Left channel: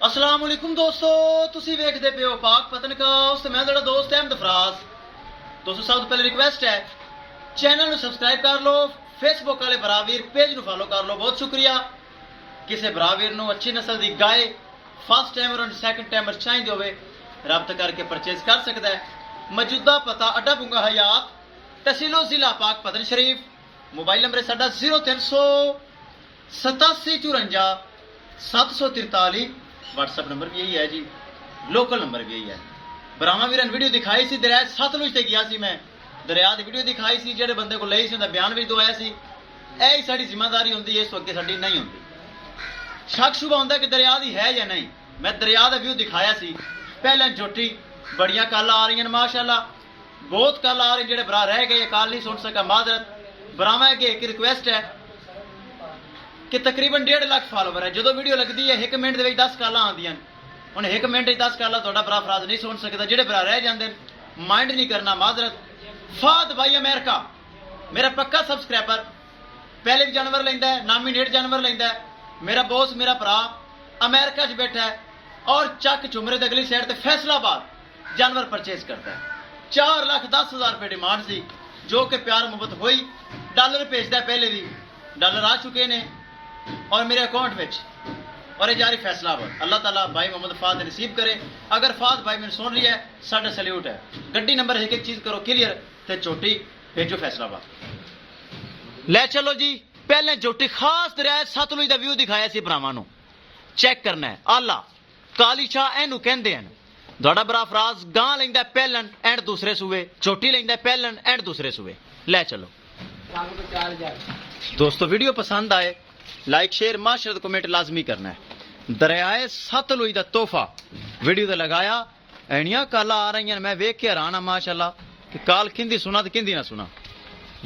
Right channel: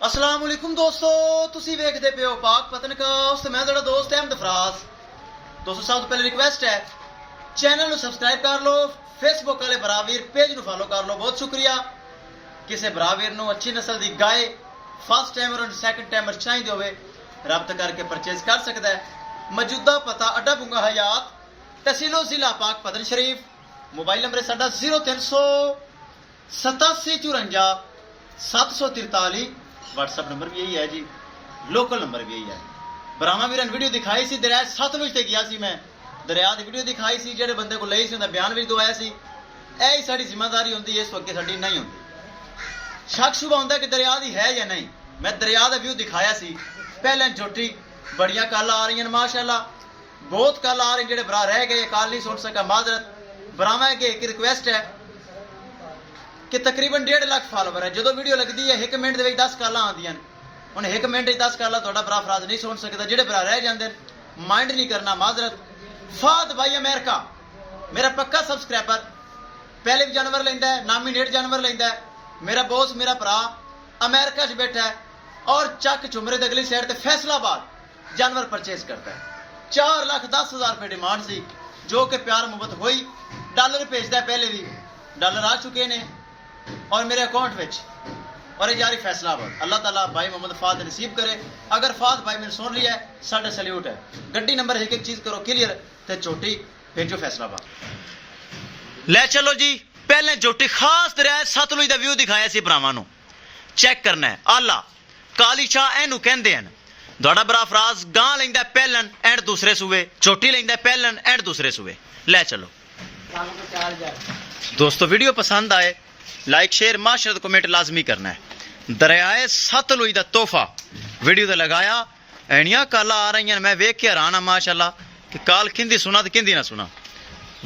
अस्सलाम वालेकुम दोस्तों, तुसी वेखदे पे हो पाक पतनकास। मैं तेरा दोस्त अहमद फराज। दोस्तों सब तो पहले रिक्वेस्ट है चैनल सब्सक्राइब कर लो, फेसबुक वाले बरावीर पेज नु फॉलो कर लो। बहुत शुक्रिया। किसी बरावीर नु अच्छी नस्ल की गाय फर्स्ट टाइमर और सैकंड टाइमर चाहिए होवे रब्त करके परचेज कर सकता है। मौजूदा पता अड्डा बुंगा हयात, तहसीलो जिला पाक पतन शरीफ। मोबाइल नंबर है साडा 038754 व्हाट्सअप नंबर भी यही है जी, लोकल नंबर भी यही है। बरामा वीरन वीडियो दिखाई सी दरिया सतलुज ते गया सी, मैं दरिया की वीडियो दिखाई सी, जेडे बंदे को लई सी उनका बयान भी दवाया सी। यही साडी जिम्मेदारी होंदी है, इस अगे साडी नहीं होंदी। शक शुबा होंदा कि दरिया दी है या नहीं। मैं दरिया का व्यू दिखाया सी। पहले झोटी बड़ियां कल आ रही माशाअल्लाह, बहुत कल आ रही। जेडे भरा रह गए कल नहीं सुन सका माजरत। बरामा अगे एक रिक्वेस्ट है कि तकरीबन 1.5 लाख फॉलोवर है। जो वीडियो लगती है 1 मिनट के 10 कालां आंदियां, हुण 1 मिनट 10 कालां तुहाडा भरा फराज नहीं सुन सकता। जेडे भरा रह जांदे माइंड नहीं करना माजरत। फाद भाई अमेरिका मेरा पक्का सब्सक्राइबर, पहले भी जानवर लेंदा है, नॉमिनेट जानवर लेंदा है। मेरा बॉस मेरा भरा अमेरिका च बैठा है और चक झुमरे की अगली साइड से फैसलाबाद जानवर परचेज करता है। 4,10,000 रुपये डिमांड सी, जो कि प्यार मुहब्बत हुई। डॉलर भेजता है, पहले भी डॉलर आ चुके ने और मेरे अकाउंट में। और ये जारी फैसलाबाद। अल्लाह ताला भाई मोहम्मद फाद नसीब करे। अगर फाद भाई मैंने सुन लिया है, साढ़ा सल्यूट है। गड्डी नंबर एक एक चीज करो क्लियर, ते चोटी भेजो फैसलाबाद। ले चलो जी, पहले चोटी खास दरिया सतलुज का व्यू दिखाया सी भरावां नूं। चेक करना है आला काली शाह एनू कहंदे हन। तुहाडा बरा फराज गां लैंदा पहलन एंड दूसरे सूबे, चोटी लैंदा पहलन एंड दूसरे सूबे। ले चलो दोस्तों, वीडियो पसंद आए लाइक शेयर माशरत कमेंट लाजमी करना है। दरियाए सतलुज का तोहफा वीडियो तो लगाया, एनियां काला आ रही हैं। मैं वेख के हैरान हाँ माशाअल्लाह कि काल किंदी सुना तो किंदी ना सुना।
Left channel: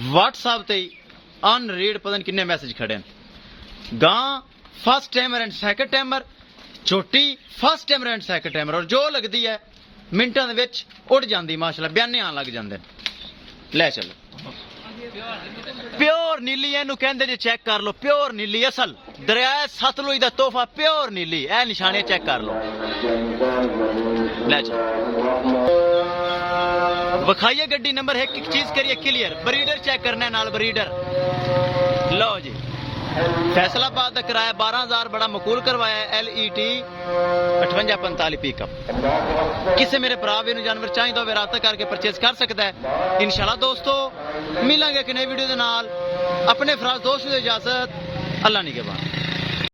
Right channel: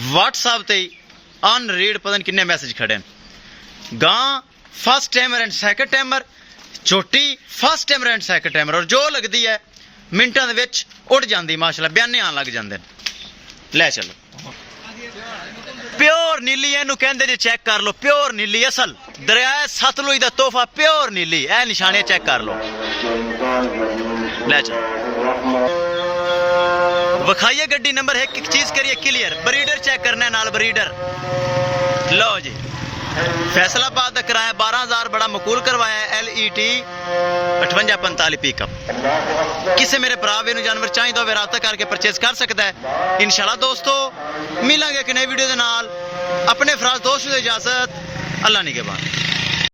व्हाट्सएप ते अनरीड पता नहीं किन्ने मैसेज खड़े हैं। गां first timer and second timer, चोटी first timer and second timer, और जो लगती है मिनटां दे विच उड़ जाती माशाअल्लाह, बयाने आन लग जाते हैं। ले चलो प्योर नीली एनू कहंदे जी, चेक कर लो प्योर नीली असल दरिया सतलुज का तोहफा प्योर नीली। ए निशाने चेक कर लो। ले चलो विखाइए गड्डी नंबर एक एक चीज करिए क्लियर। ब्रीडर चेक करना है नाल ब्रीडर। लो जी फैसलाबाद का किराया 12,000 बड़ा मकूल करवाया है। LET 5845 pickup. किसी मेरे भरा भी जानवर चाहिए तो राब्ता करके परचेज कर सकता है। इंशाल्लाह दोस्तों मिलेंगे एक नई वीडियो के नाल। अपने फराज दोस्त को इजाजत, अल्लाह निगहबान।